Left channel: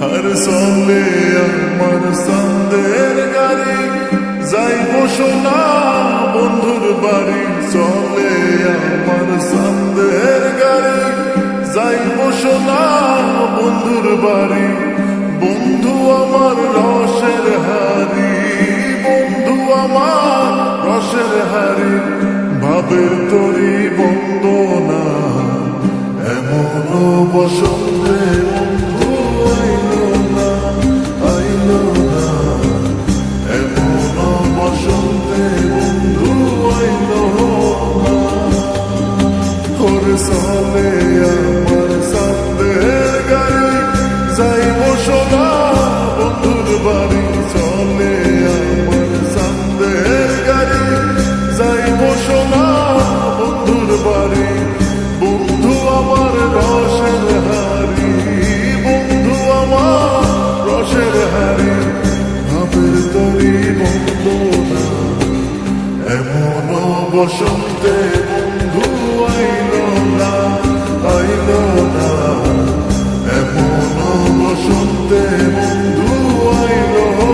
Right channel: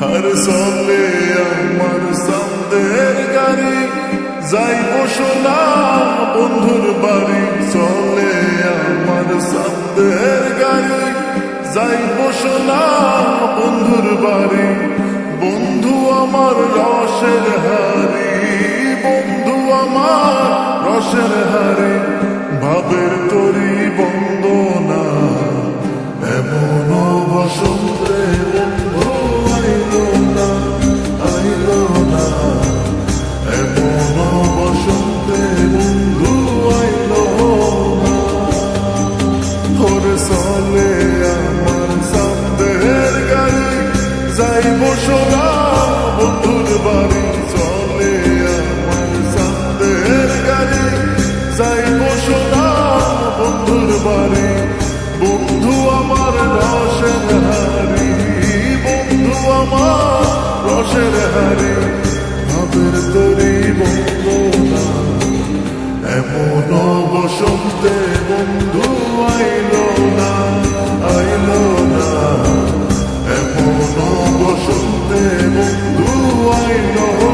আর চলে আমার সন্দের গাড়ি যাইব সোনা বন্ধুর বাড়ি চলে আমার সন্দের গাড়ি যাইব সোনা বন্ধুর বাড়ি বন্ধু আমার রসের হারি বন্ধু আমার রসের হারি ভাবের তরি বন্দনা এমন বসন্তে চলে আমার সন্দেহের গাড়ি যাইব সোনা, বন্ধুর বাড়ি চলে আমার সন্দেহের গাড়ি যাইব সোনা, বন্ধুর বাড়ি। বন্ধু আমার রসের হারি বন্ধু আমার রসের হারি ভাবের তরি বন্দনা এমন বসন্তে i mundo hay know.